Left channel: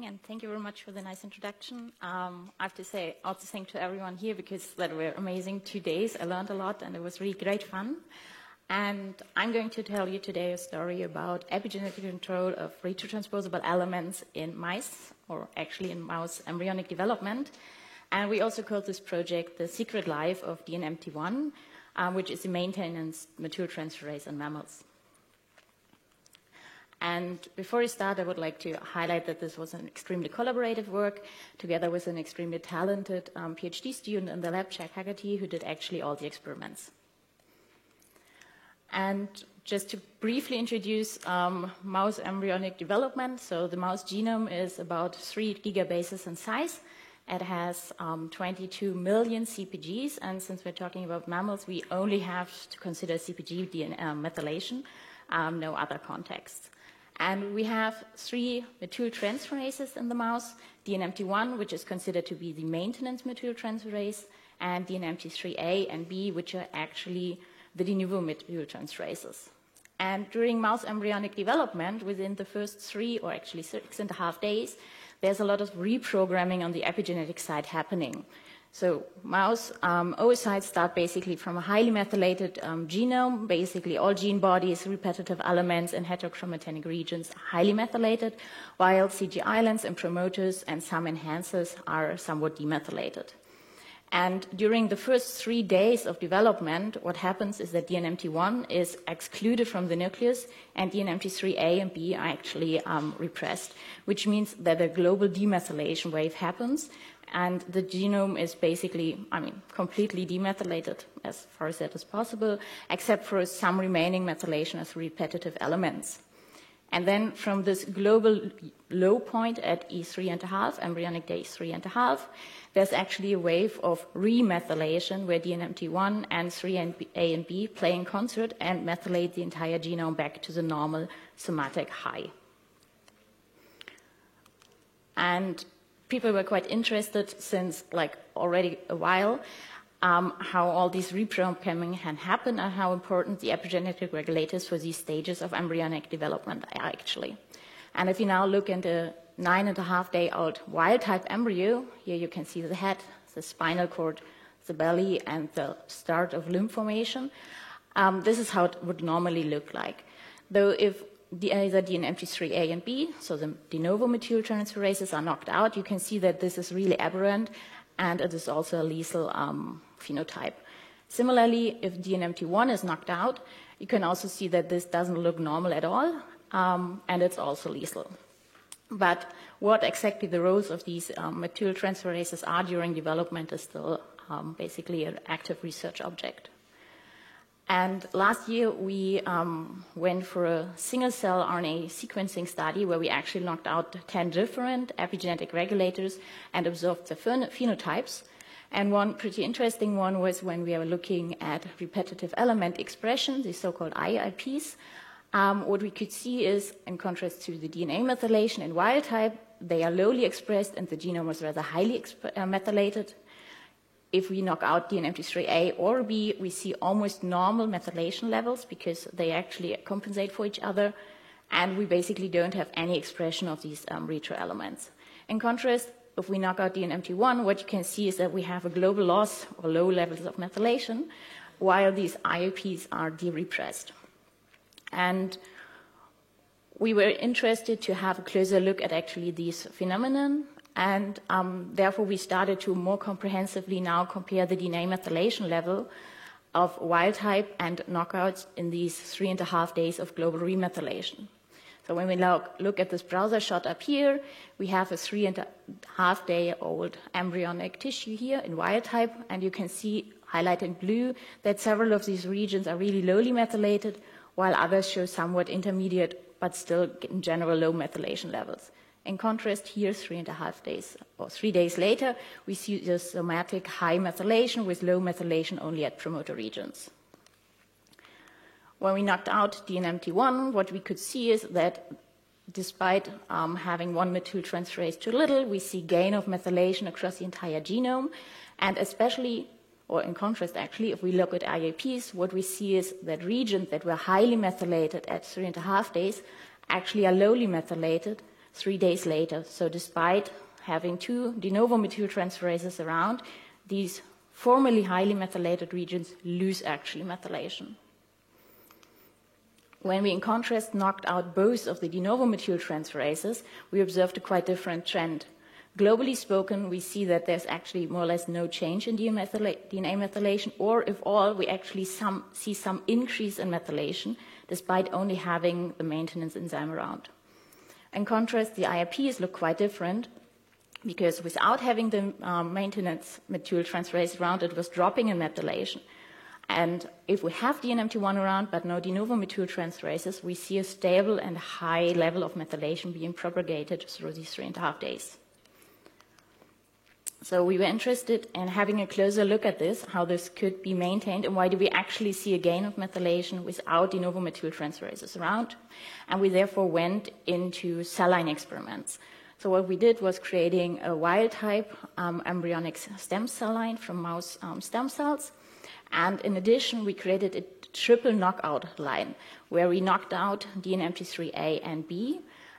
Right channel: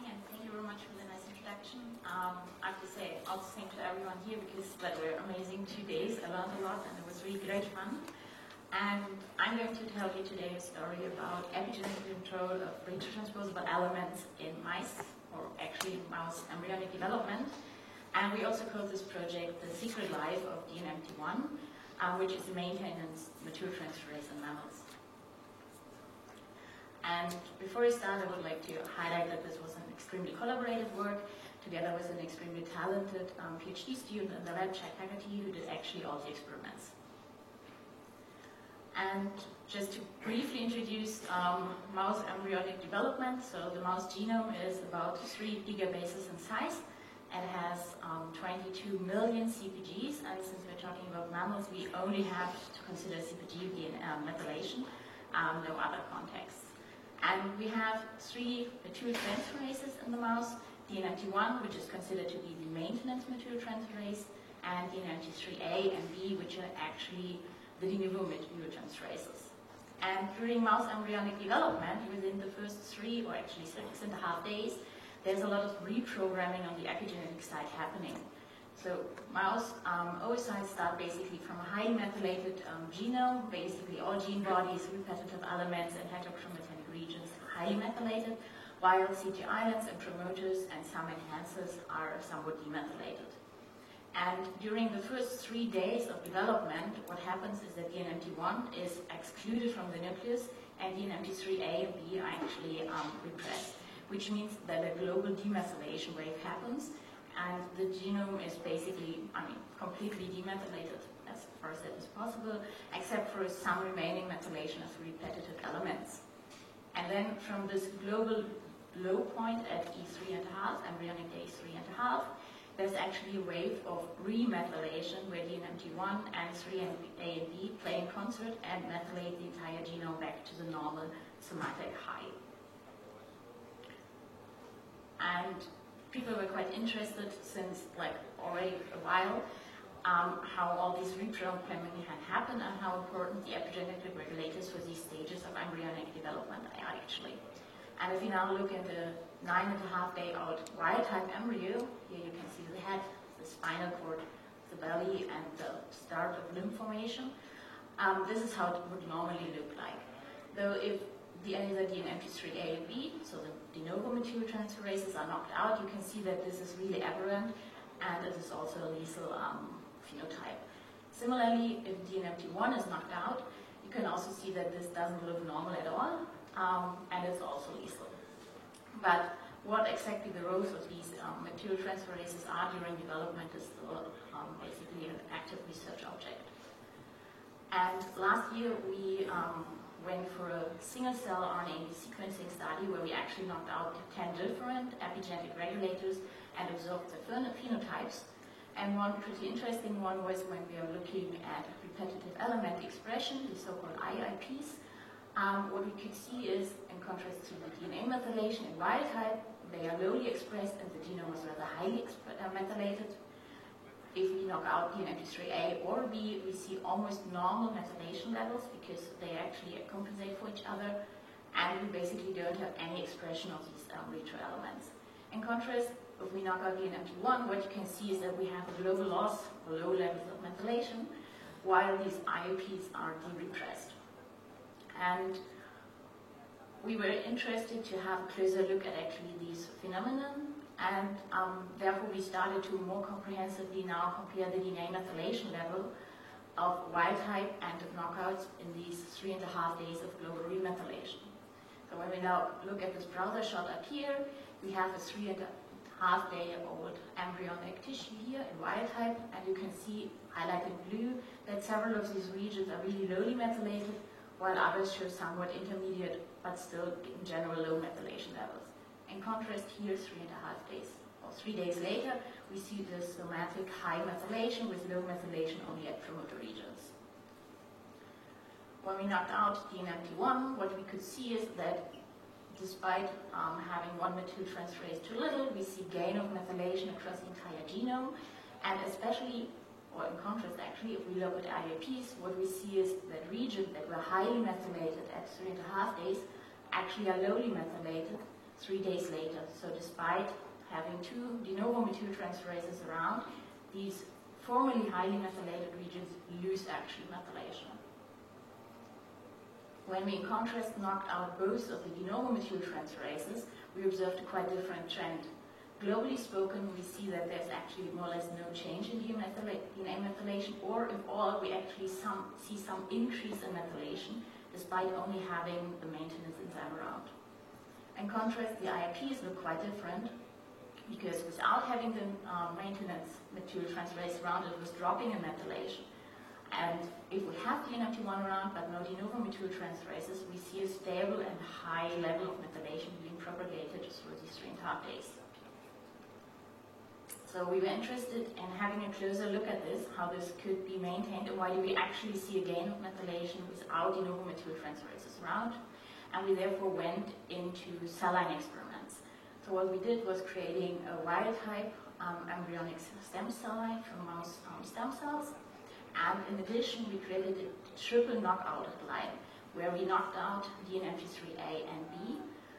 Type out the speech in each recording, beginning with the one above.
morning, and thank you very much for the nice introduction. I have to say, also thank to everyone here because that were amazing 2 days. I learned a lot, and it was really great fun. And I'm going to tell you today a story about epigenetic control of retrotransposable elements in mice, or actually in mouse embryonic development. And we also called this project The Secret Life of DNMT1, which is a maintenance methyltransferase in mammals. And before I start, I would like to highlight that this was an extremely collaborative work together with an extremely talented PhD student in the lab, Jack Haggerty, who did actually all the experiments. And just to briefly introduce mouse embryonic development, so the mouse genome is about 3 gigabases in size. It has 22 million CpGs, and since we're talking about mammals, we only have to consider CpG DNA methylation, no other contexts. And we have 3 methyltransferases in the mouse, DNMT1, which is considered to be the maintenance methyltransferase, and DNMT3A and B, which are actually the de novo methyltransferases. And during mouse embryonic development, within the first 3 or actually 6.5 days, there's a lot of reprogramming on the epigenetic side happening. So mouse oocytes start basically from a highly methylated genome. Basically all gene bodies, repetitive elements, and heterochromatinic regions are highly methylated, while CG islands and promoters and some enhancers are somewhat demethylated. And during the first 3 days of development, what happens is that DNMT1 is excluded from the nucleus, and DNMT3A and B are actually repressed, which means that a global demethylation wave happens, and the genome is basically, completely demethylated as far as that is possible, except for some remaining methylation of repetitive elements. And then from this global low point at E3.5, embryonic day 3.5, there's actually a wave of remethylation where DNMT1 and 3A and B play in concert and methylate the entire genome back to the normal somatic high. And people were quite interested since already a while how all these reprogramming can happen and how important the epigenetic regulators for these stages of embryonic development are actually. And if you now look at the 9.5-day-old wild-type embryo, here you can see the head, the spinal cord, the belly, and the start of limb formation. This is how it would normally look like. Though if either DNMT3A and B, so the de novo methyltransferases, are knocked out, you can see that this is really aberrant, and it is also a lethal phenotype. Similarly, if DNMT1 is knocked out, you can also see that this doesn't look normal at all, and it's also lethal. But what exactly the roles of these methyltransferases are during development is still basically an active research object. And last year, we went for a single-cell RNA sequencing study where we actually knocked out 10 different epigenetic regulators and observed the phenotypes. And one pretty interesting one was when we were looking at repetitive element expression, the so-called IIPs. What we could see is, in contrast to the DNA methylation in wild type, they are lowly expressed and the genome was rather highly methylated. If we knock out DNMT3A or B, we see almost normal methylation levels because they actually compensate for each other, and we basically don't have any expression of these retro elements. In contrast, if we knock out DNMT1, what you can see is that we have a global loss or low levels of methylation, while these IOPs are de-repressed. And we were interested to have a closer look at actually these phenomenon, and therefore we started to more comprehensively now compare the DNA methylation level of wild type and knockouts in these 3.5 days of global remethylation. So when we look at this browser shot up here, we have a 3.5-day-old embryonic tissue here in wild type, and you can see highlighted in blue that several of these regions are really lowly methylated, while others show somewhat intermediate but still in general low methylation levels. In contrast, here 3.5 days or 3 days later, we see the somatic high methylation with low methylation only at promoter regions. When we knocked out DNMT1, what we could see is that despite having one methyltransferase too little, we see gain of methylation across the entire genome, and especially, or in contrast actually, if we look at IAPs, what we see is that regions that were highly methylated at 3.5 days actually are lowly methylated, 3 days later. So despite having 2 de novo methyltransferases around, these formerly highly methylated regions lose actually methylation. When we, in contrast, knocked out both of the de novo methyltransferases, we observed a quite different trend. Globally spoken, we see that there's actually more or less no change in DNA methylation, or if all, we actually see some increase in methylation, despite only having the maintenance enzyme around. In contrast, the IRPs look quite different, because without having the maintenance methyltransferase around, it was dropping in methylation. And if we have DNMT1 around, but no de novo methyltransferases, we see a stable and high level of methylation being propagated through these 3.5 days. So we were interested in having a closer look at this, how this could be maintained, and why do we actually see a gain of methylation without de novo methyltransferases around. And we therefore went into cell line experiments. So what we did was creating a wild-type embryonic stem cell line from mouse stem cells. And in addition, we created a triple knockout line, where we knocked out DNMT3A and B,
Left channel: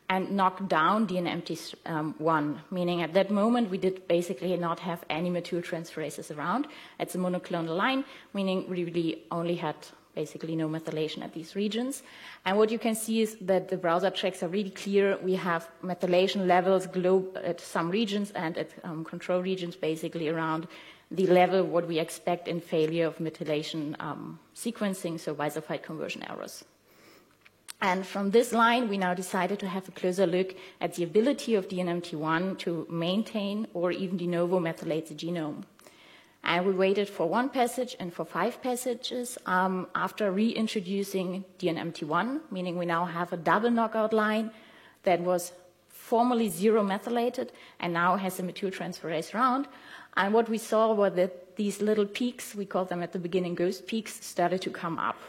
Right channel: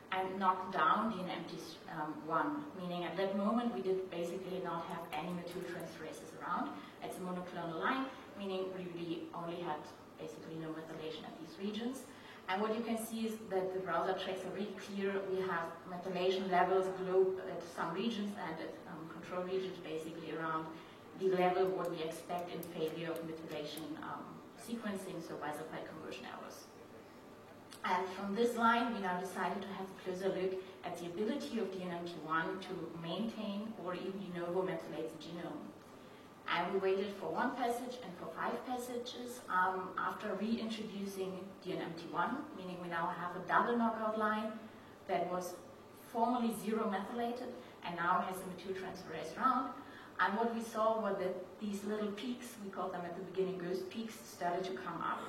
and knocked down DNMT1, meaning at that moment we did basically not have any methyltransferases around. It's a monoclonal line, meaning we really only had basically no methylation at these regions. And what you can see is that the browser tracks are really clear. We have methylation levels at some regions and at control regions basically around the level of what we expect in failure of methylation sequencing, so bisulfite conversion errors. And from this line, we now decided to have a closer look at the ability of DNMT1 to maintain or even de novo methylate the genome. And we waited for 1 passage and for 5 passages after reintroducing DNMT1, meaning we now have a double knockout line that was formerly 0 methylated and now has a methyltransferase round. And what we saw were that these little peaks, we call them at the beginning ghost peaks, started to come up,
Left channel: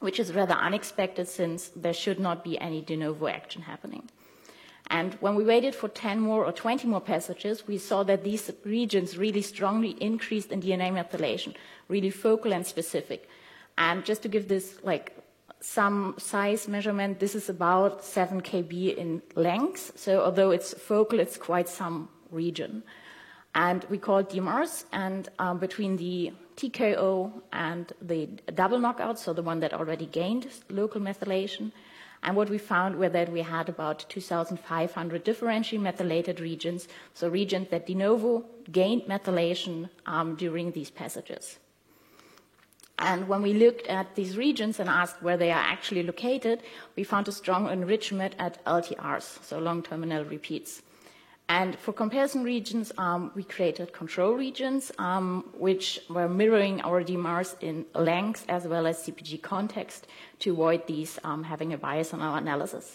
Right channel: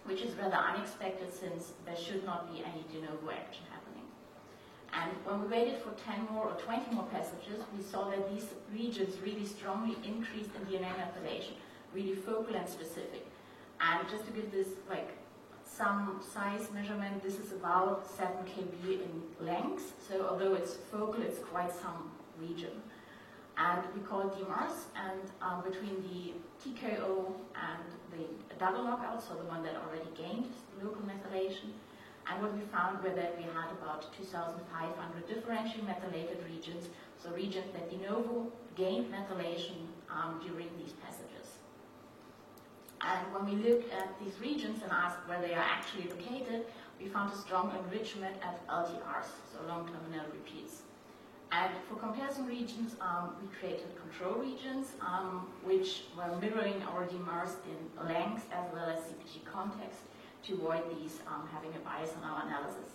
which is rather unexpected since there should not be any de novo action happening. And when we waited for 10 more or 20 more passages, we saw that these regions really strongly increased in DNA methylation, really focal and specific. And just to give this like some size measurement, this is about 7 kb in length. So although it's focal, it's quite some region. And we called DMRs, and between the TKO and the double knockout, so the one that already gained local methylation, and what we found were that we had about 2,500 differentially methylated regions, so regions that de novo gained methylation during these passages. And when we looked at these regions and asked where they are actually located, we found a strong enrichment at LTRs, so long terminal repeats. And for comparison regions, we created control regions, which were mirroring our DMRs in length as well as CpG context to avoid these having a bias on our analysis.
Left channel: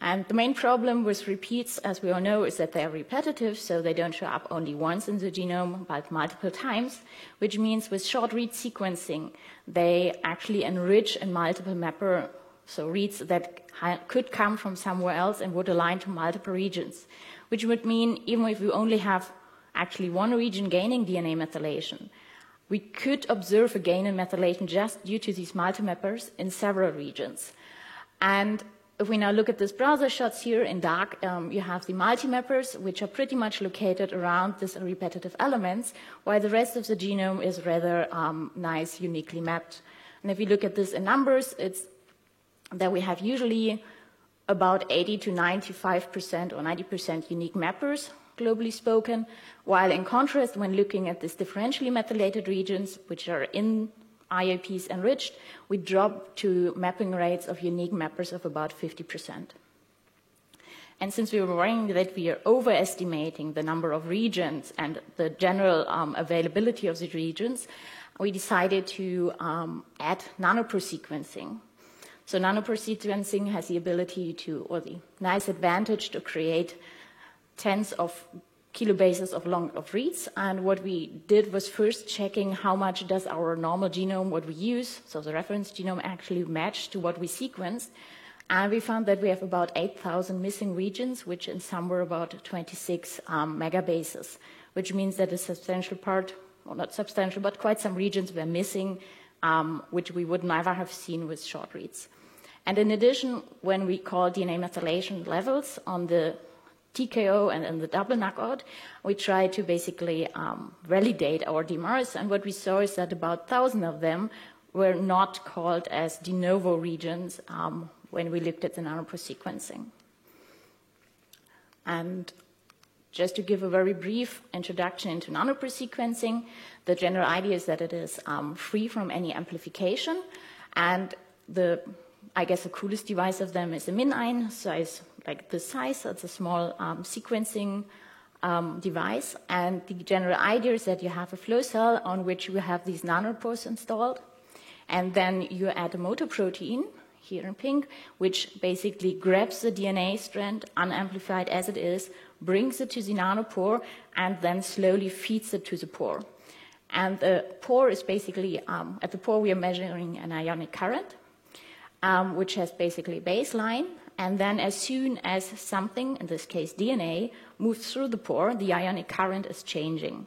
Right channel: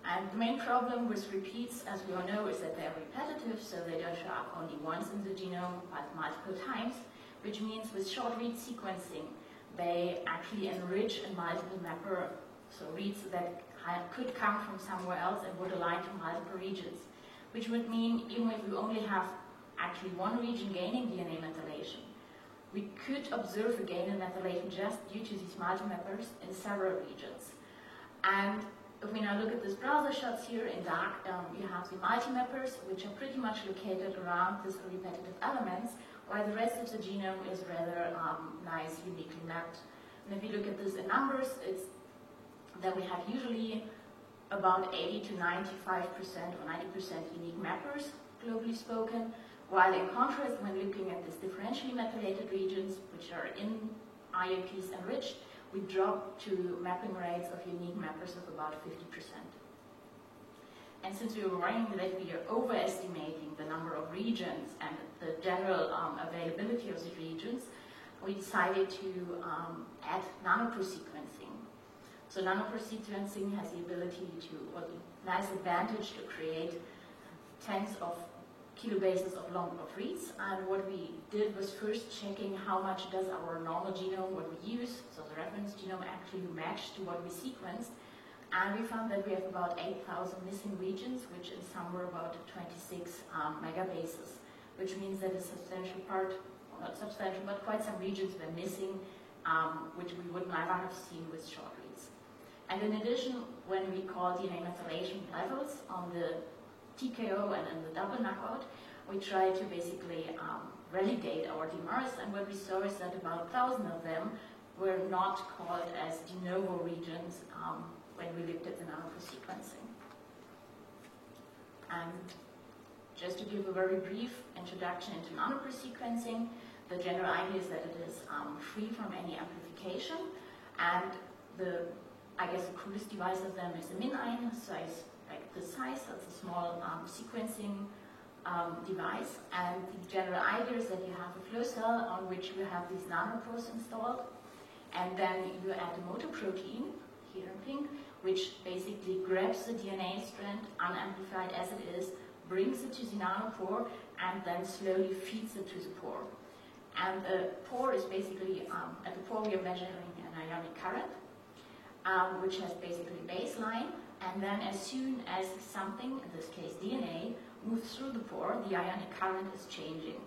And the main problem with repeats, as we all know, is that they are repetitive, so they don't show up only once in the genome, but multiple times, which means with short read sequencing, they actually enrich in multiple mapper, so reads that could come from somewhere else and would align to multiple regions, which would mean even if we only have actually one region gaining DNA methylation, we could observe a gain in methylation just due to these multimappers in several regions. And if we now look at this browser shots here in dark, you have the multimappers, which are pretty much located around these repetitive elements, while the rest of the genome is rather nice, uniquely mapped. And if you look at this in numbers, it's that we have usually about 80 to 95% or 90% unique mappers, globally spoken, while in contrast, when looking at these differentially methylated regions, which are in IAPs enriched, we drop to mapping rates of unique mappers of about 50%. And since we were worrying that we are overestimating the number of regions and the general availability of the regions, we decided to add nanopore sequencing. So nanopore sequencing has the ability to, or the nice advantage to create tens of kilobases of reads. And what we did was first checking how much does our normal genome, what we use, so the reference genome, actually match to what we sequenced. And we found that we have about 8,000 missing regions, which in some were about 26 megabases, which means that a substantial part, well, not substantial, but quite some regions were missing, which we would never have seen with short reads. And in addition, when we call DNA methylation levels on the TKO and in the double knockout, we try to basically validate our DMRs, and what we saw is that about 1,000 of them were not called as de novo regions when we looked at the nanopore sequencing. And just to give a very brief introduction into nanopore sequencing, the general idea is that it is free from any amplification, and I guess the coolest device of them is the MinION, size like this size. It's a small sequencing device, and the general idea is that you have a flow cell on which you have these nanopores installed, and then you add a motor protein, here in pink, which basically grabs the DNA strand, unamplified as it is, brings it to the nanopore, and then slowly feeds it to the pore. And the pore is basically, at the pore we are measuring an ionic current, which has basically a baseline, and then as soon as something, in this case DNA, moves through the pore, the ionic current is changing.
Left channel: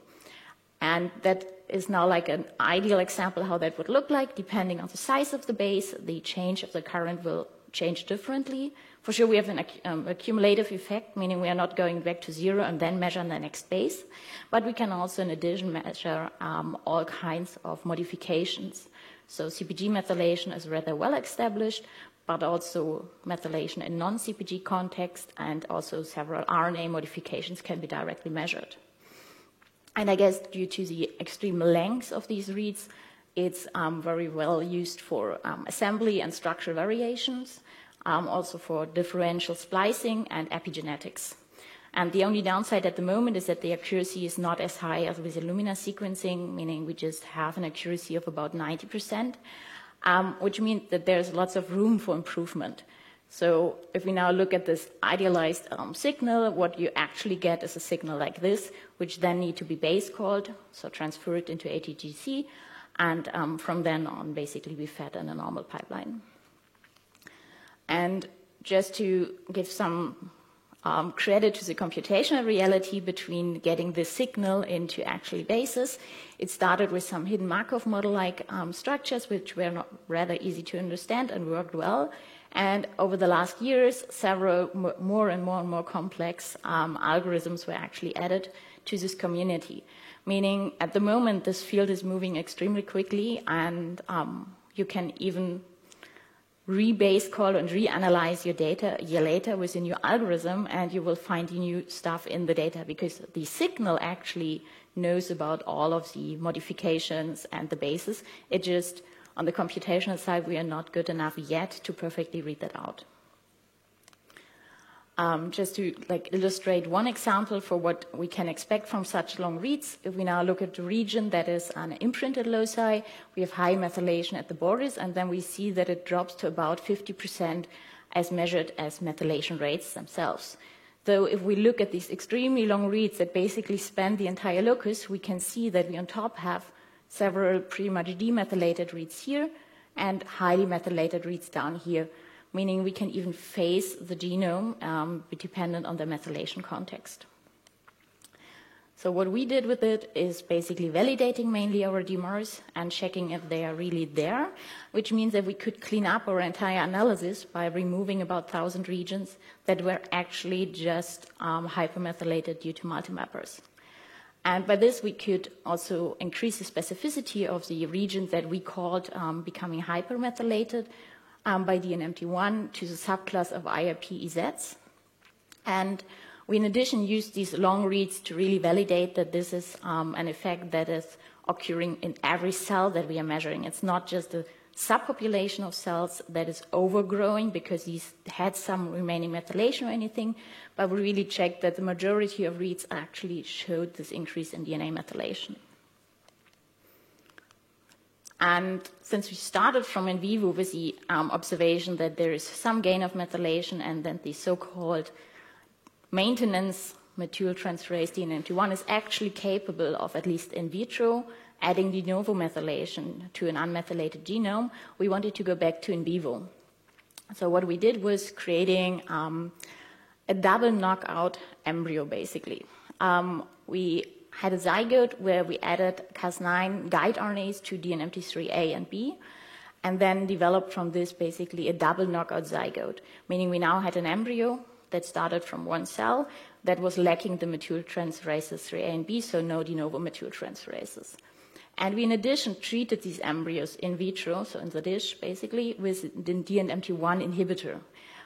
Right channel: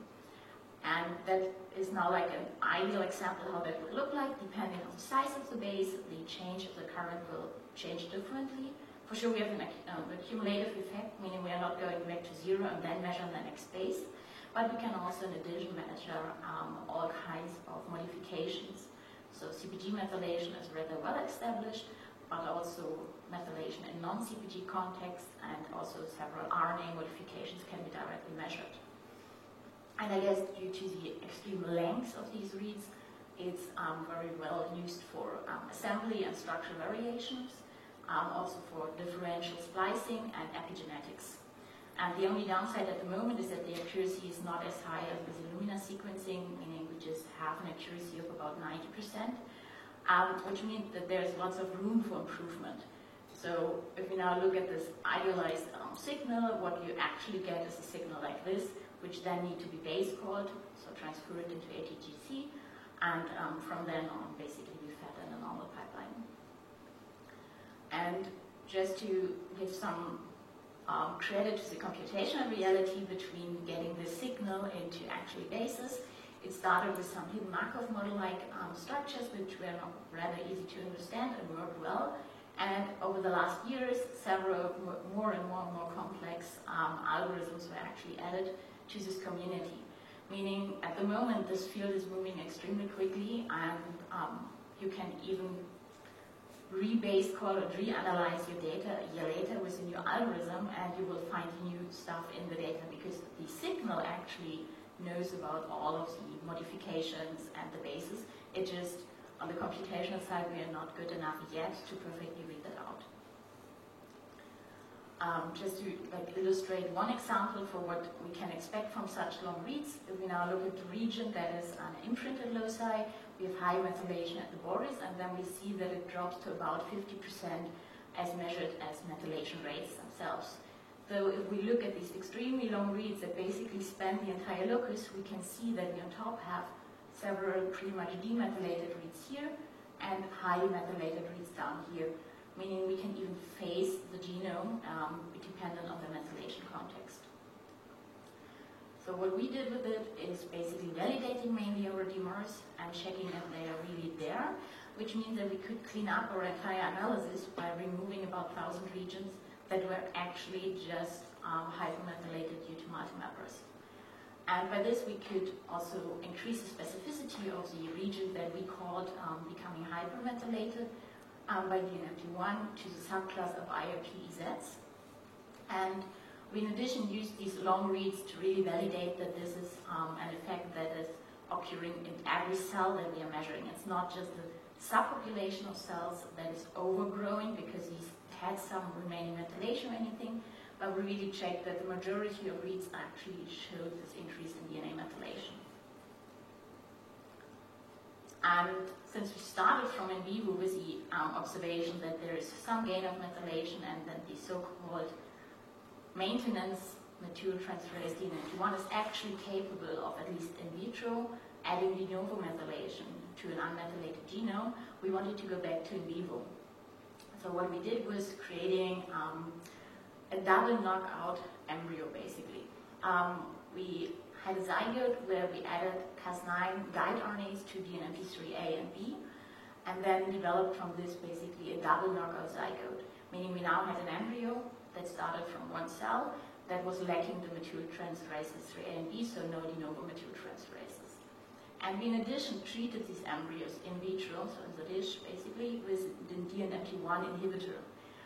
And that is now like an ideal example how that would look like. Depending on the size of the base, the change of the current will change differently. For sure, we have an accumulative effect, meaning we are not going back to zero and then measure the next base. But we can also, in addition, measure all kinds of modifications. So CpG methylation is rather well established, but also methylation in non-CpG context, and also several RNA modifications can be directly measured. And I guess due to the extreme length of these reads, it's very well used for assembly and structural variations, also for differential splicing and epigenetics. And the only downside at the moment is that the accuracy is not as high as with Illumina sequencing, meaning we just have an accuracy of about 90%, which means that there's lots of room for improvement. So if we now look at this idealized signal, what you actually get is a signal like this, which then need to be base called, so transfer it into ATGC, and from then on basically be fed in a normal pipeline. And just to give some credit to the computational reality between getting the signal into actually bases, it started with some hidden Markov model-like structures, which were not rather easy to understand and worked well. And over the last years, several more and more complex algorithms were actually added to this community. Meaning, at the moment, this field is moving extremely quickly, and you can even re-base call and reanalyze your data a year later with a new algorithm, and you will find new stuff in the data because the signal actually knows about all of the modifications and the bases. It just, on the computational side, we are not good enough yet to perfectly read that out. Just to illustrate one example for what we can expect from such long reads, if we now look at the region that is an imprinted loci, we have high methylation at the borders, and then we see that it drops to about 50% as measured as methylation rates themselves. So if we look at these extremely long reads that basically span the entire locus, we can see that we on top have several pretty much demethylated reads here and highly methylated reads down here, meaning we can even phase the genome dependent on the methylation context. So what we did with it is basically validating mainly our DMRs and checking if they are really there, which means that we could clean up our entire analysis by removing about 1,000 regions that were actually just hypermethylated due to multimappers. And by this, we could also increase the specificity of the regions that we called becoming hypermethylated by DNMT1 to the subclass of IRP-EZs. And we, in addition, used these long reads to really validate that this is an effect that is occurring in every cell that we are measuring. It's not just a subpopulation of cells that is overgrowing because these had some remaining methylation or anything, but we really checked that the majority of reads actually showed this increase in DNA methylation. And since we started from in vivo with the observation that there is some gain of methylation and then the so-called maintenance methyltransferase DNMT1 is actually capable of, at least in vitro, adding de novo methylation to an unmethylated genome, we wanted to go back to in vivo. So what we did was creating a double knockout embryo, basically. We had a zygote where we added Cas9 guide RNAs to DNMT3A and B, and then developed from this basically a double knockout zygote, meaning we now had an embryo that started from one cell that was lacking the methyltransferases 3A and B, so no de novo methyltransferases. And we, in addition, treated these embryos in vitro, so in the dish, basically, with the DNMT1 inhibitor.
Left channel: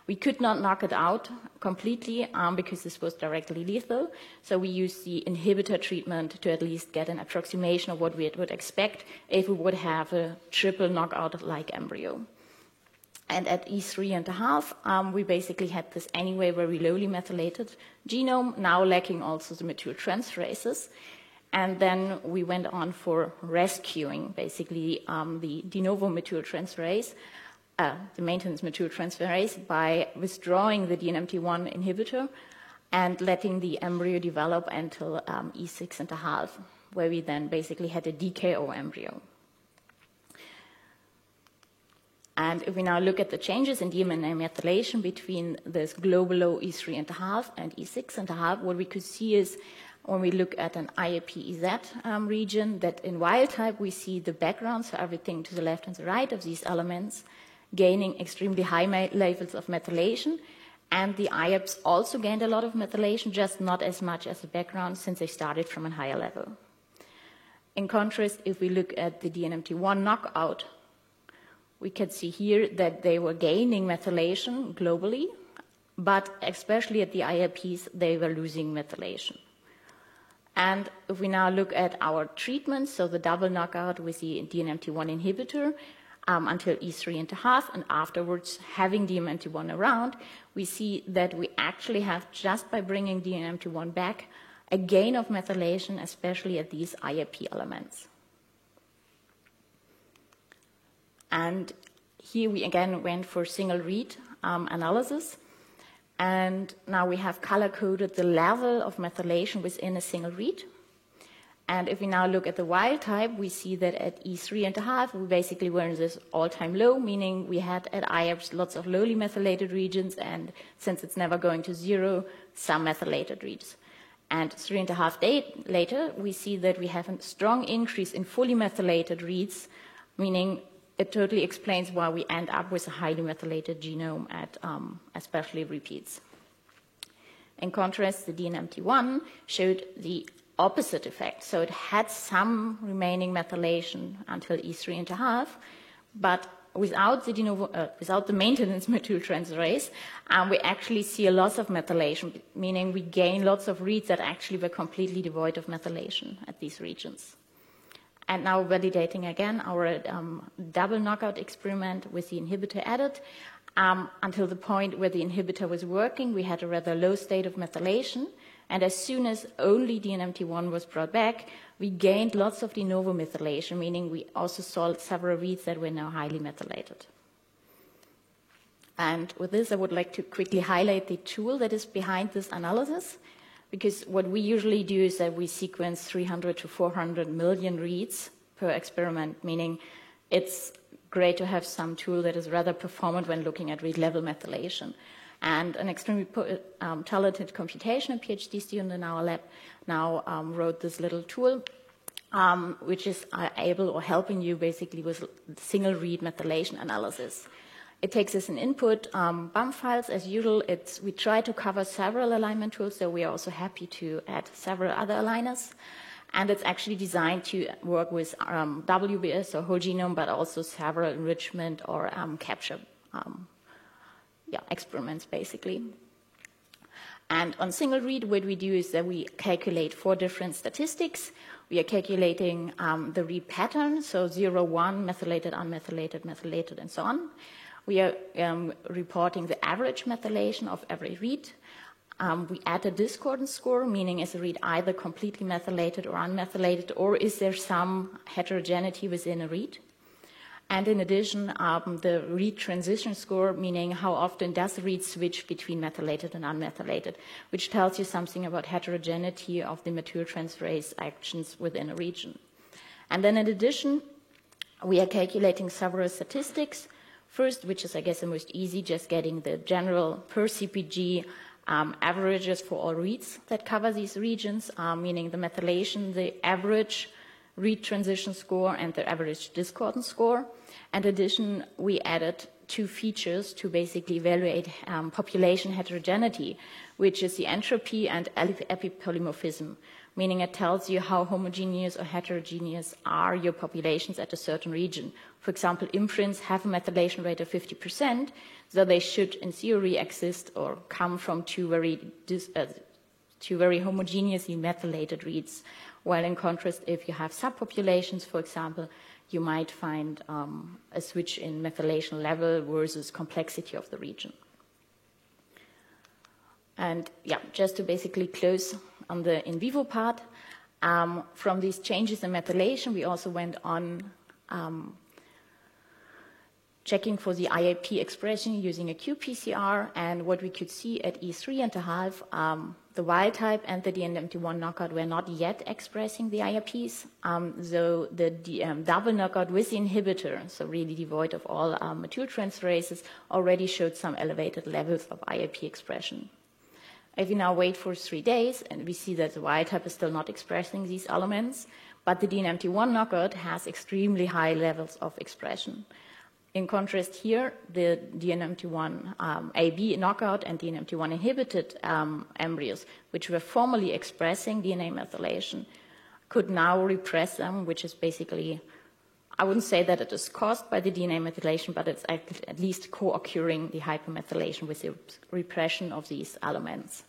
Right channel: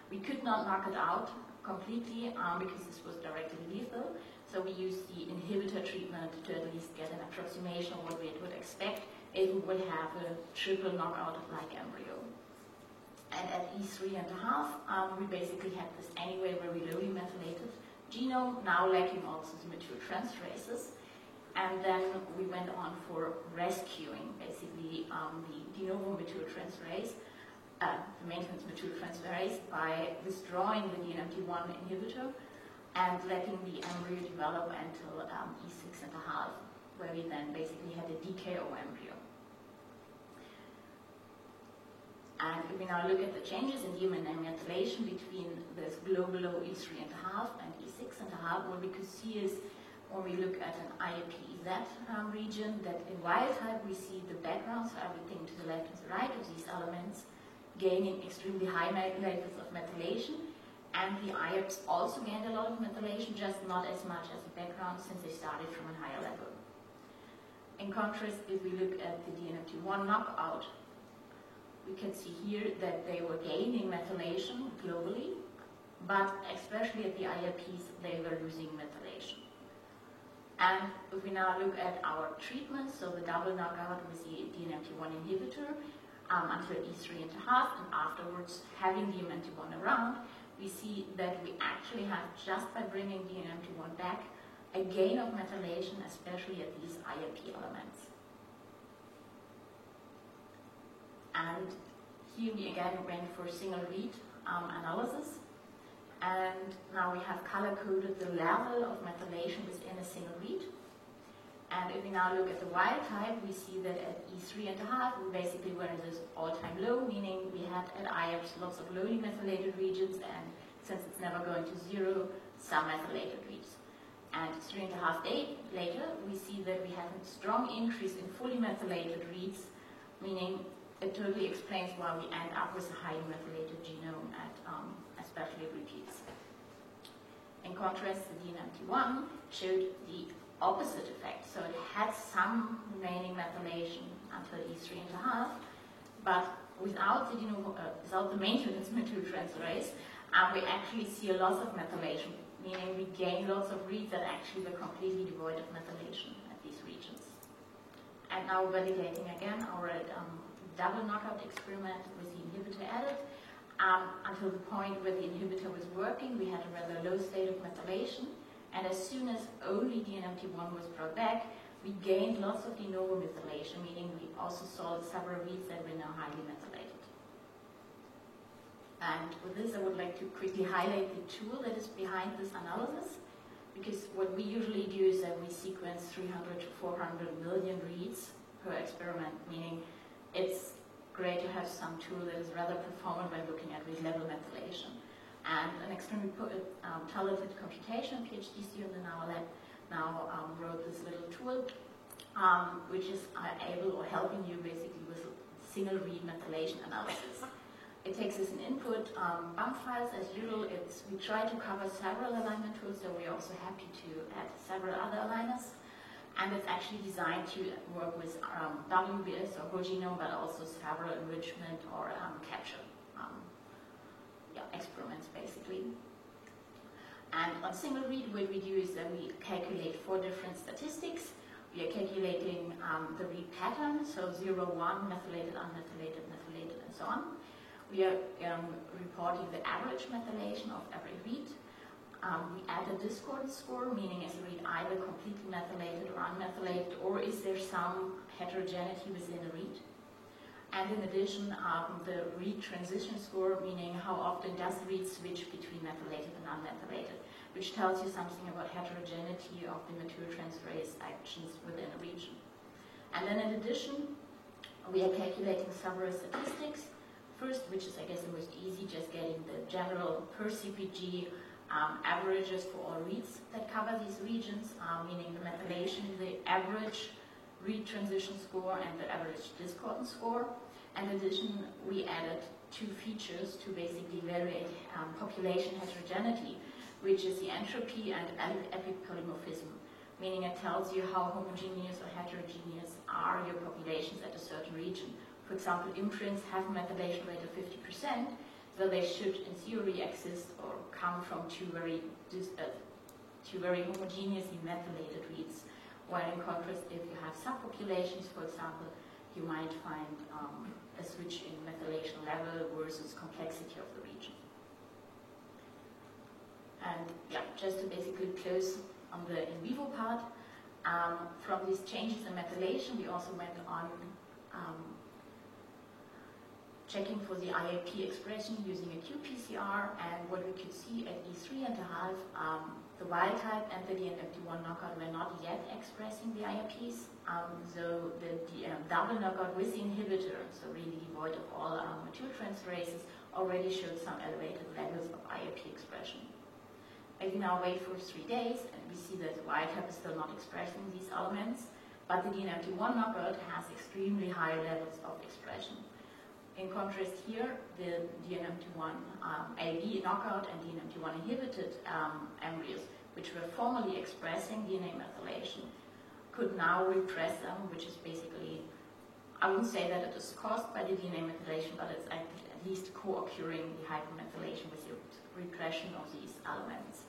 We could not knock it out completely because this was directly lethal, so we used the inhibitor treatment to at least get an approximation of what we would expect if we would have a triple knockout-like embryo. And at E3.5, we basically had this anyway very lowly methylated genome, now lacking also the methyltransferases. And then we went on for rescuing, basically, the de novo methyltransferase, the maintenance methyltransferase, by withdrawing the DNMT1 inhibitor and letting the embryo develop until E6.5, where we then basically had a DKO embryo. And if we now look at the changes in DNA methylation between this global low E3.5 and E6.5, what we could see is when we look at an IAP-EZ region, that in wild type we see the background, so everything to the left and the right of these elements, gaining extremely high levels of methylation. And the IAPs also gained a lot of methylation, just not as much as the background since they started from a higher level. In contrast, if we look at the DNMT1 knockout, we can see here that they were gaining methylation globally, but especially at the IAPs, they were losing methylation. And if we now look at our treatment, so the double knockout with the DNMT1 inhibitor until E3.5, and afterwards having DNMT1 around, we see that we actually have, just by bringing DNMT1 back, a gain of methylation, especially at these IAP elements. And here we again went for single read analysis. And now we have color-coded the level of methylation within a single read. And if we now look at the wild type, we see that at E3.5, we basically were in this all-time low, meaning we had at IAPs lots of lowly methylated regions, and since it's never going to zero, some methylated regions. And 3.5 days later, we see that we have a strong increase in fully methylated reads, meaning it totally explains why we end up with a highly methylated genome at especially repeats. In contrast, the DNMT1 showed the opposite effect. So it had some remaining methylation until E3.5, but without the maintenance methyltransferase, we actually see a loss of methylation, meaning we gain lots of reads that actually were completely devoid of methylation at these regions. And now validating again our double knockout experiment with the inhibitor added. Until the point where the inhibitor was working, we had a rather low state of methylation. And as soon as only DNMT1 was brought back, we gained lots of de novo methylation, meaning we also saw several reads that were now highly methylated. And with this, I would like to quickly highlight the tool that is behind this analysis. Because what we usually do is that we sequence 300 to 400 million reads per experiment, meaning it's great to have some tool that is rather performant when looking at read level methylation. And an extremely talented computational PhD student in our lab now wrote this little tool, which is able or helping you basically with single read methylation analysis. It takes as an input BAM files as usual. We try to cover several alignment tools, so we are also happy to add several other aligners. And it's actually designed to work with WBS or whole genome, but also several enrichment or capture experiments, basically. And on single read, what we do is that we calculate 4 different statistics. We are calculating the read pattern, so 0, 1, methylated, unmethylated, methylated, and so on. We are reporting the average methylation of every read. We add a discordance score, meaning is a read either completely methylated or unmethylated, or is there some heterogeneity within a read? And in addition, the read transition score, meaning how often does the read switch between methylated and unmethylated, which tells you something about heterogeneity of the methyltransferase actions within a region. And then in addition, we are calculating several statistics. First, which is, I guess, the most easy, just getting the general per CpG averages for all reads that cover these regions, meaning the methylation, the average read transition score, and the average discordance score. In addition, we added 2 features to basically evaluate population heterogeneity, which is the entropy and epipolymorphism, meaning it tells you how homogeneous or heterogeneous are your populations at a certain region. For example, imprints have a methylation rate of 50%, so they should, in theory, exist or come from two very homogeneously methylated reads. While in contrast, if you have subpopulations, for example, you might find a switch in methylation level versus complexity of the region. And yeah, just to basically close on the in vivo part, from these changes in methylation, we also went on checking for the IAP expression using a qPCR, and what we could see at E3.5, the wild type and the DNMT1 knockout were not yet expressing the IAPs, so the double knockout with the inhibitor, so really devoid of all methyltransferases, already showed some elevated levels of IAP expression. If we now wait for 3 days, and we see that the wild type is still not expressing these elements, but the DNMT1 knockout has extremely high levels of expression. In contrast here, the DNMT1 AB knockout and DNMT1 inhibited embryos, which were formerly expressing DNA methylation, could now repress them, which is basically, I wouldn't say that it is caused by the DNA methylation, but it's at least co-occurring the hypermethylation with the repression of these elements.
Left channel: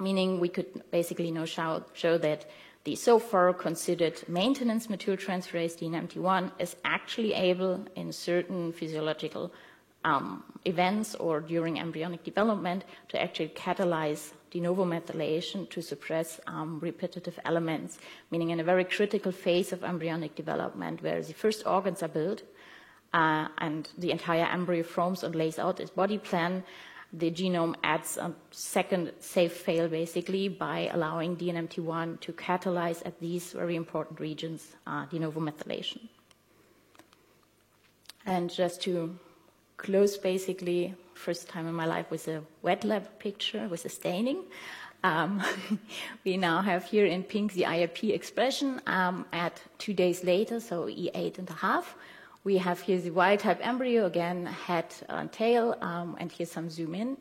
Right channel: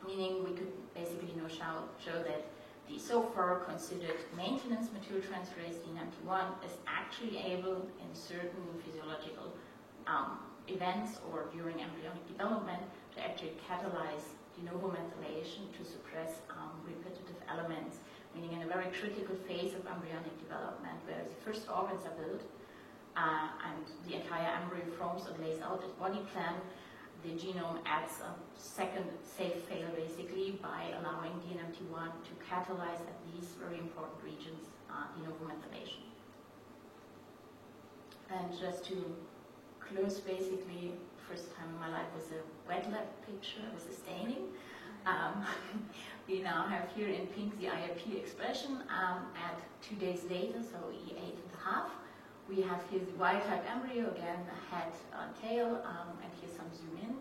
Meaning we could basically now show that the so far considered maintenance methyltransferase DNMT1 is actually able in certain physiological events or during embryonic development to actually catalyze de novo methylation to suppress repetitive elements, meaning in a very critical phase of embryonic development where the first organs are built and the entire embryo forms and lays out its body plan. The genome adds a second safe fail basically by allowing DNMT1 to catalyze at these very important regions de novo methylation. And just to close basically, first time in my life with a wet lab picture with a staining. We now have here in pink the IAP expression at 2 days later, so E8.5. We have here the wild type embryo, again, head and tail, and here's some zoom in.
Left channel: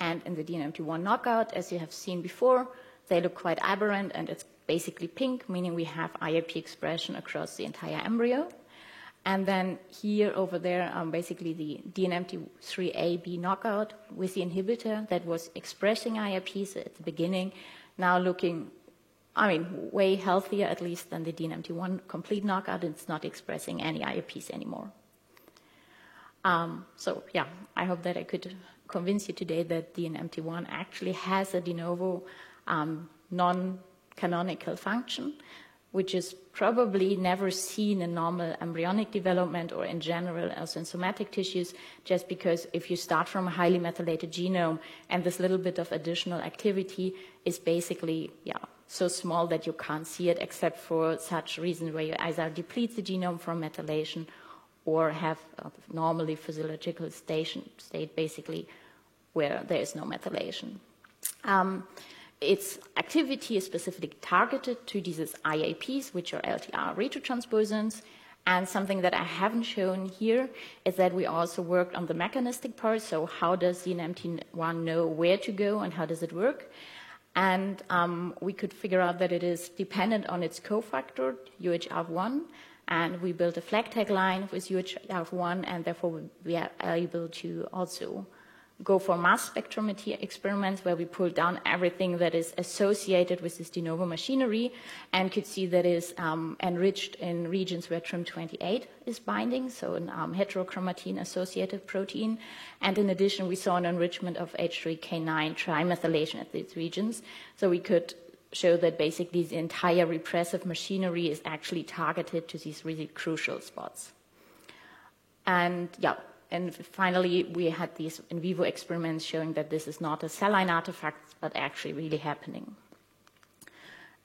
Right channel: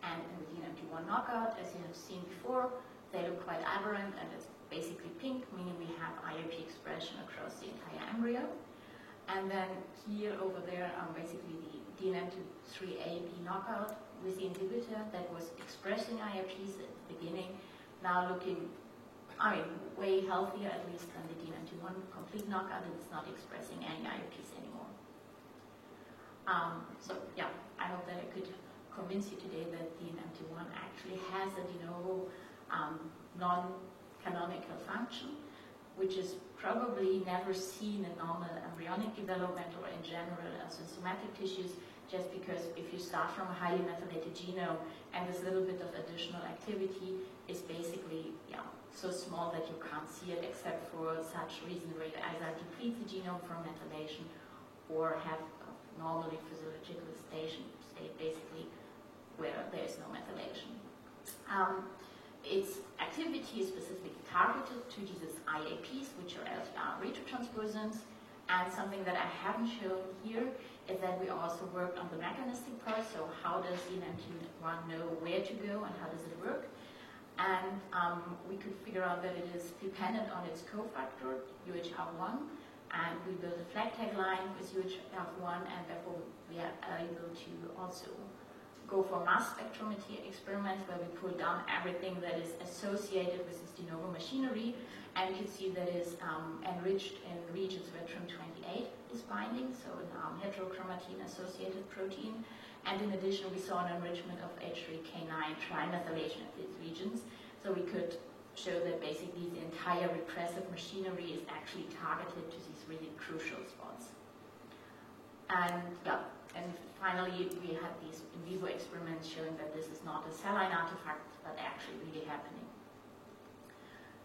And in the DNMT1 knockout, as you have seen before, they look quite aberrant, and it's basically pink, meaning we have IAP expression across the entire embryo. And then here over there, basically the DNMT3AB knockout with the inhibitor that was expressing IAPs at the beginning, now looking, way healthier at least than the DNMT1 complete knockout. It's not expressing any IAPs anymore. So yeah, I hope that I could convince you today that DNMT1 actually has a de novo non-canonical function, which is probably never seen in normal embryonic development or in general as in somatic tissues, just because if you start from a highly methylated genome and this little bit of additional activity is basically so small that you can't see it, except for such reasons where you either deplete the genome from methylation or have a normally physiological state basically where there is no methylation. Its activity is specifically targeted to these IAPs, which are LTR retrotransposons. And something that I haven't shown here is that we also worked on the mechanistic part. So how does DNMT1 know where to go and how does it work? And we could figure out that it is dependent on its cofactor, UHF1. And we built a flag tag line with UHF1, and therefore we are able to also go for mass spectrometry experiments where we pull down everything that is associated with this de novo machinery and could see that is enriched in regions where TRIM28 is binding, so an heterochromatin associated protein. And in addition, we saw an enrichment of H3K9 trimethylation at these regions. So we could show that basically the entire repressive machinery is actually targeted to these really crucial spots. And and finally, we had these in vivo experiments showing that this is not a cell line artifact, but actually really happening.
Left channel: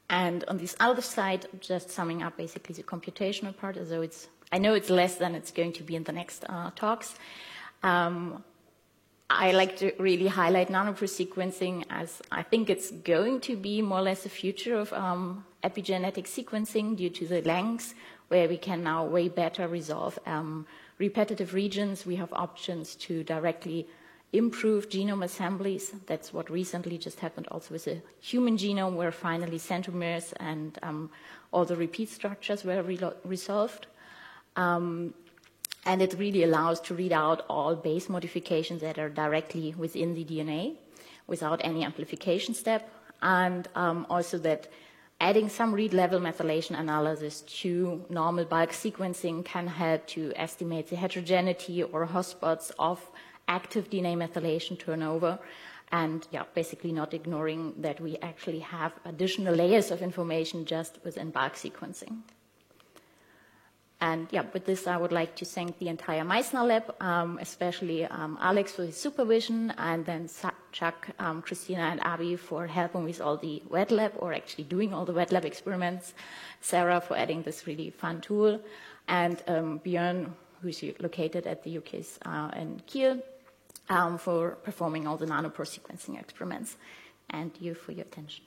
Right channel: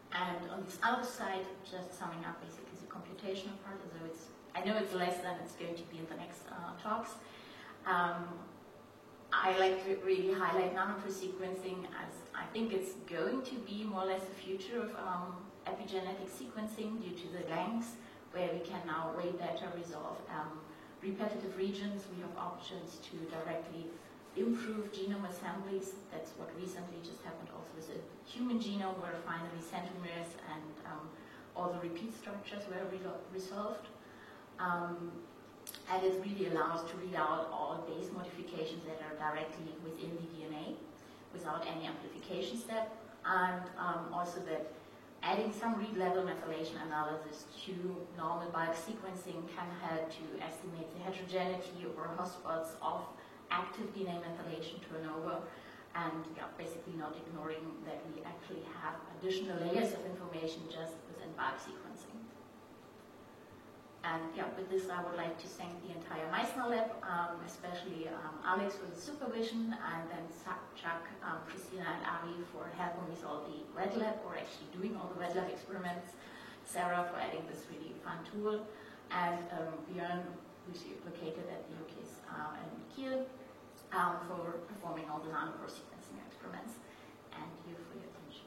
And on this other side, just summing up basically the computational part, although I know it's less than it's going to be in the next talks. I like to really highlight nanopore sequencing as I think it's going to be more or less the future of epigenetic sequencing due to the length where we can now way better resolve repetitive regions. We have options to directly improve genome assemblies. That's what recently just happened also with the human genome, where finally centromeres and all the repeat structures were resolved. And it really allows to read out all base modifications that are directly within the DNA without any amplification step. And also that adding some read level methylation analysis to normal bulk sequencing can help to estimate the heterogeneity or hotspots of active DNA methylation turnover, and basically not ignoring that we actually have additional layers of information just within bulk sequencing. And with this, I would like to thank the entire Meissner lab, especially Alex for his supervision, and then Chuck, Christina, and Avi for helping with all the wet lab, or actually doing all the wet lab experiments, Sarah for adding this really fun tool, and Björn, who's located at the UK's in Kiel, for performing all the nanopore sequencing experiments, and you for your attention.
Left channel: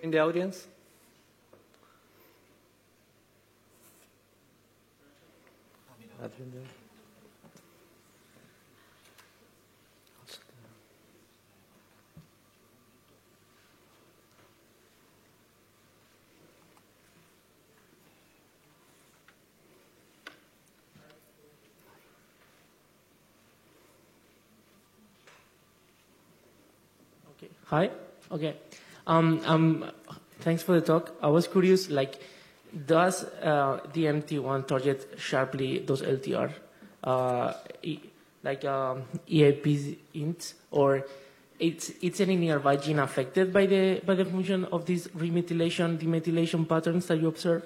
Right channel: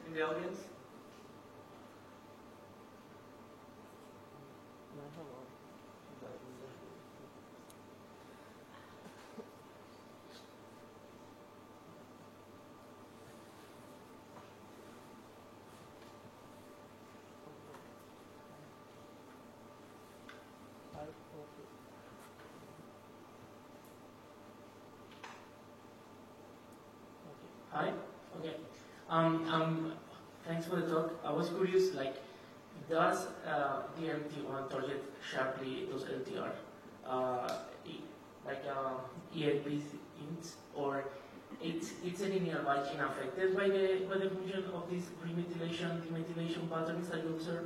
In the audience? Hi. Okay. Thanks for the talk. I was curious, does the MT1 target sharply those LTR, EAP int, or it's any nearby gene affected by the function of these remethylation, demethylation patterns that you observe?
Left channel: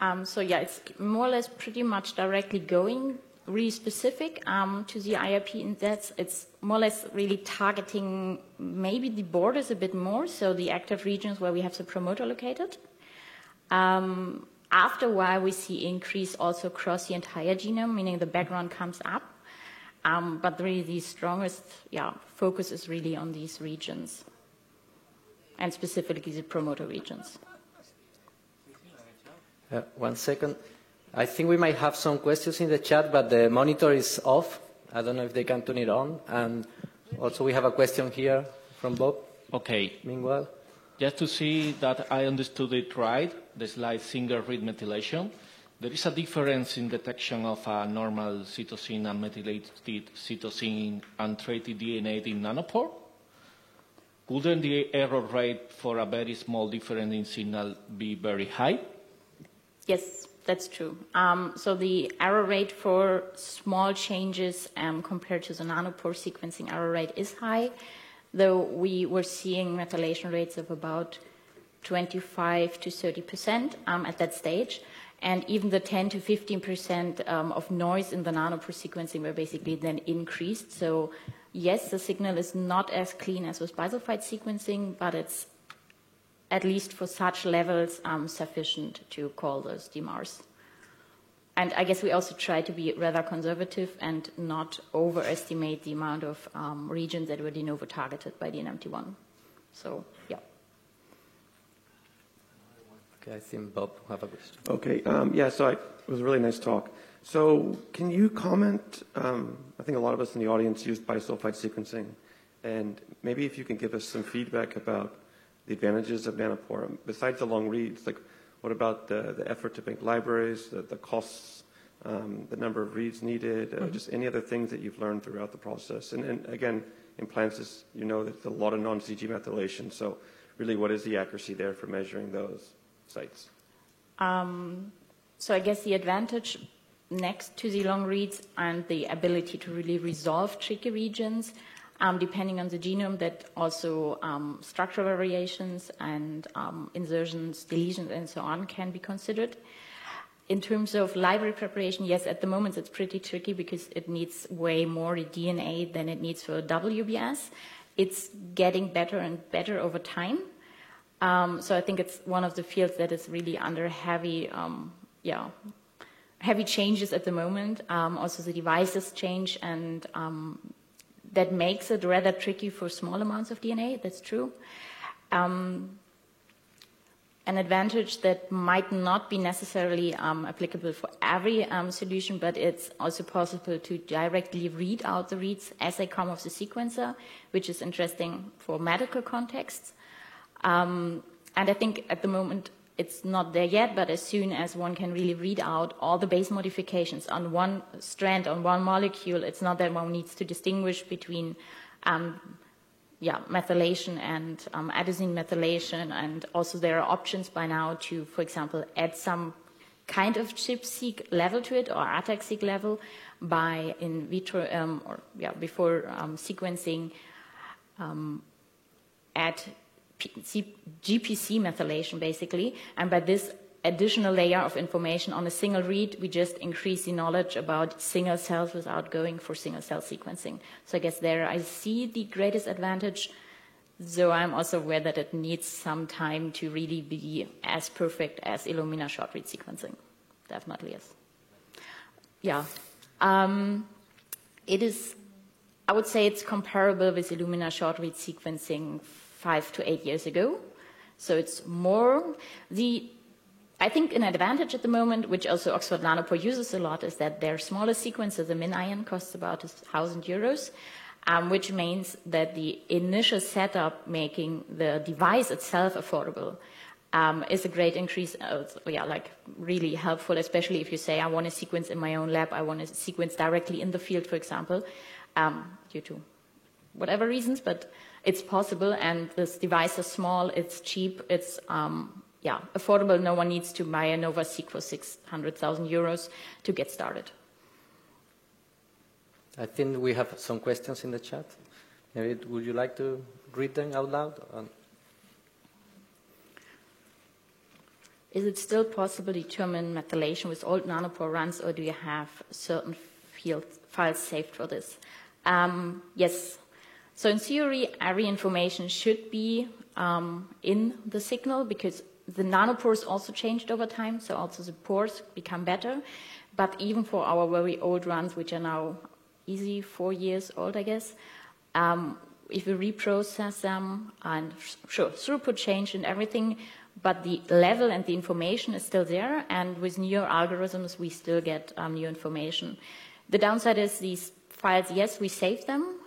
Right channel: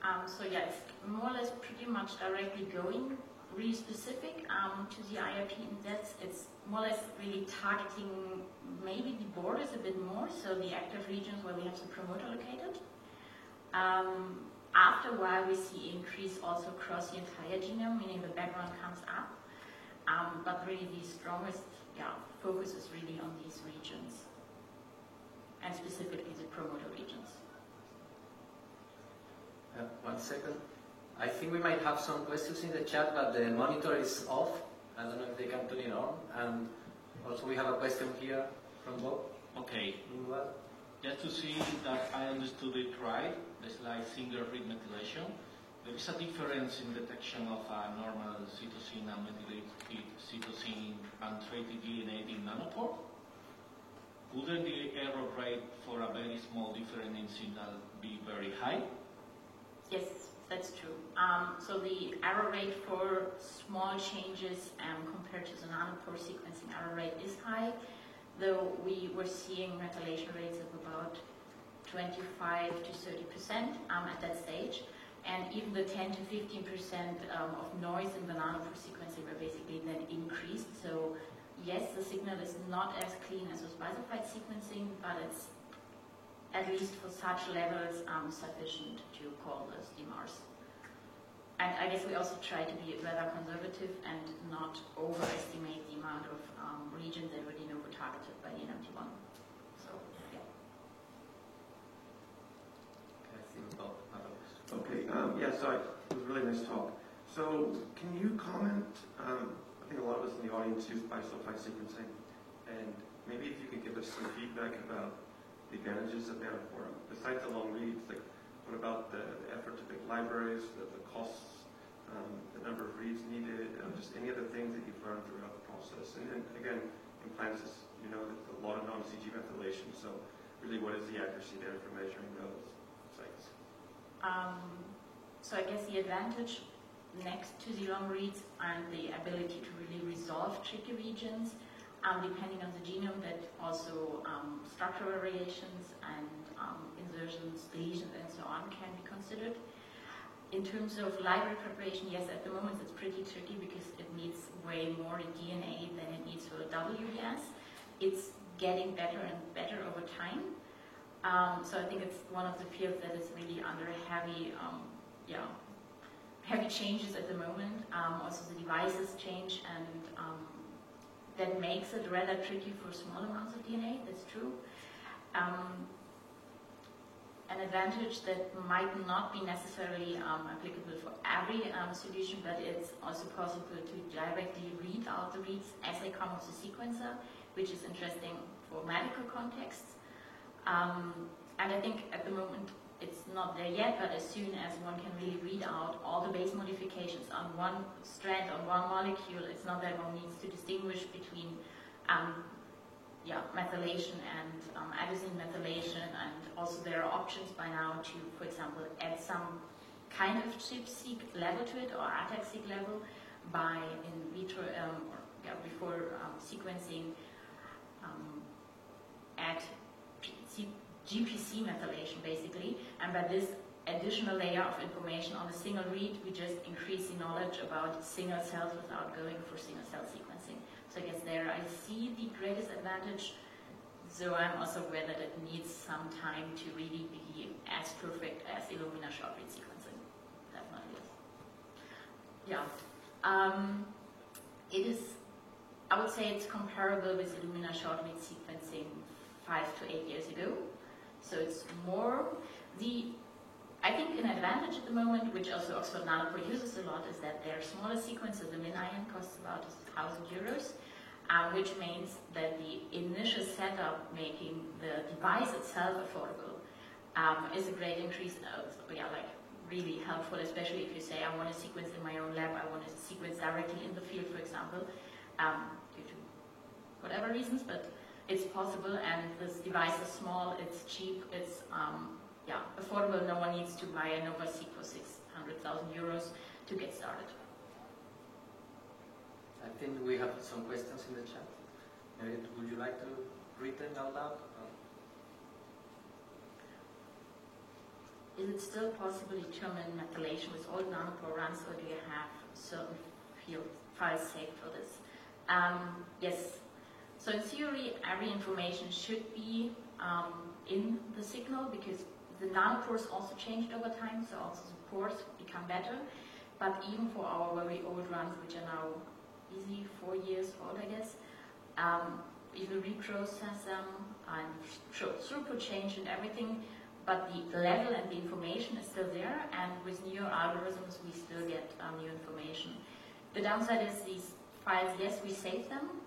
It's more or less pretty much directly going really specific to the IRP in that it's more or less really targeting maybe the borders a bit more, so the active regions where we have the promoter located. After a while, we see increase also across the entire genome, meaning the background comes up. But really the strongest focus is really on these regions, and specifically the promoter regions. 1 second. I think we might have some questions in the chat, but the monitor is off. I don't know if they can turn it on. And also we have a question here from Bob. Okay. Meanwhile. Just to see that I understood it right, the slide single read methylation, there is a difference in detection of a normal cytosine and methylated cytosine and treated DNA in nanopore. Wouldn't the error rate for a very small difference in signal be very high? Yes, that's true. So the error rate for small changes compared to the nanopore sequencing error rate is high, though we were seeing methylation rates of about 25 to 30% at that stage. And even the 10 to 15% of noise in the nanopore sequencing were basically then increased. So yes, the signal is not as clean as with bisulfite sequencing, but it's at least for such levels sufficient to call those DMARs. And I guess we also try to be rather conservative and not overestimate the amount of regions that were de novo targeted by the NMT1. So, yeah. Okay, I think Bob have a question. Okay, so it was a really nice talk. So can you comment, I think a lot of us in the audience use bisulfite sequencing, and maybe if you can give us some feedback about the advantages of Nanopore, besides the long reads, like what about the effort to make libraries, the costs, the number of reads needed, just any other things that you've learned throughout the process. And again, in Plancis, you know there's a lot of non-CG methylation, so really what is the accuracy there for measuring those sites? So I guess the advantage next to the long reads and the ability to really resolve tricky regions, depending on the genome, that also structural variations and insertions, deletions, and so on can be considered. In terms of library preparation, yes, at the moment it's pretty tricky because it needs way more DNA than it needs for WBS. It's getting better and better over time. So I think it's one of the fields that is really under heavy changes at the moment. Also the devices change, and that makes it rather tricky for small amounts of DNA, that's true. An advantage that might not be necessarily applicable for every solution, but it's also possible to directly read out the reads as they come off the sequencer, which is interesting for medical contexts. And I think at the moment it's not there yet, but as soon as one can really read out all the base modifications on one strand, on one molecule, it's not that one needs to distinguish between methylation and adenosine methylation, and also there are options by now to, for example, add some kind of ChIP-seq level to it or ATAC-seq level by in vitro before sequencing, add GPC methylation basically, and by this additional layer of information on a single read, we just increase the knowledge about single cells without going for single cell sequencing. So I guess there I see the greatest advantage, though I'm also aware that it needs some time to really be as perfect as Illumina short read sequencing. Definitely, yes. Yeah. It is, I would say it's comparable with Illumina short read sequencing 5 to 8 years ago. So it's more I think an advantage at the moment, which also Oxford Nanopore uses a lot, is that their smallest sequencer, the MinION, costs about €1,000, which means that the initial setup, making the device itself affordable, is a great increase. Like really helpful, especially if you say, I want to sequence in my own lab, I want to sequence directly in the field, for example, due to whatever reasons, but it's possible, and this device is small, it's cheap, it's affordable. No one needs to buy a NovaSeq for €600,000 to get started. I think we have some questions in the chat. Merit, would you like to read them out loud? Is it still possible to determine methylation with old nanopore runs, or do you have certain files saved for this? Yes. So in theory, every information should be in the signal, because the nanopores also changed over time, so also the pores become better. But even for our very old runs, which are now easy 4 years old, I guess, if we reprocess them, and sure, throughput changed and everything, but the level and the information is still there, and with newer algorithms, we still get new information. The downside is these files, yes, we save them,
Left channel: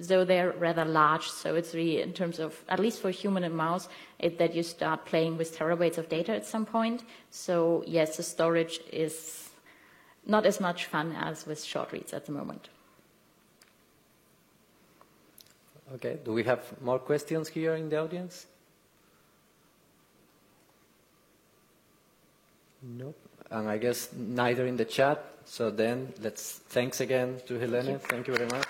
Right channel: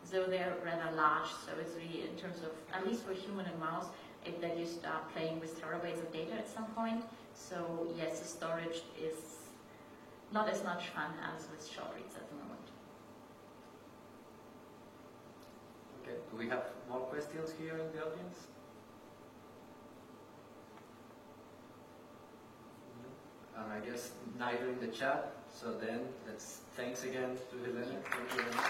though they're rather large, so it's really, in terms of, at least for human and mouse, that you start playing with terabytes of data at some point. So yes, the storage is not as much fun as with short reads at the moment. Okay, do we have more questions here in the audience? No, and I guess neither in the chat. So then, thanks again to Helene. Thank you very much.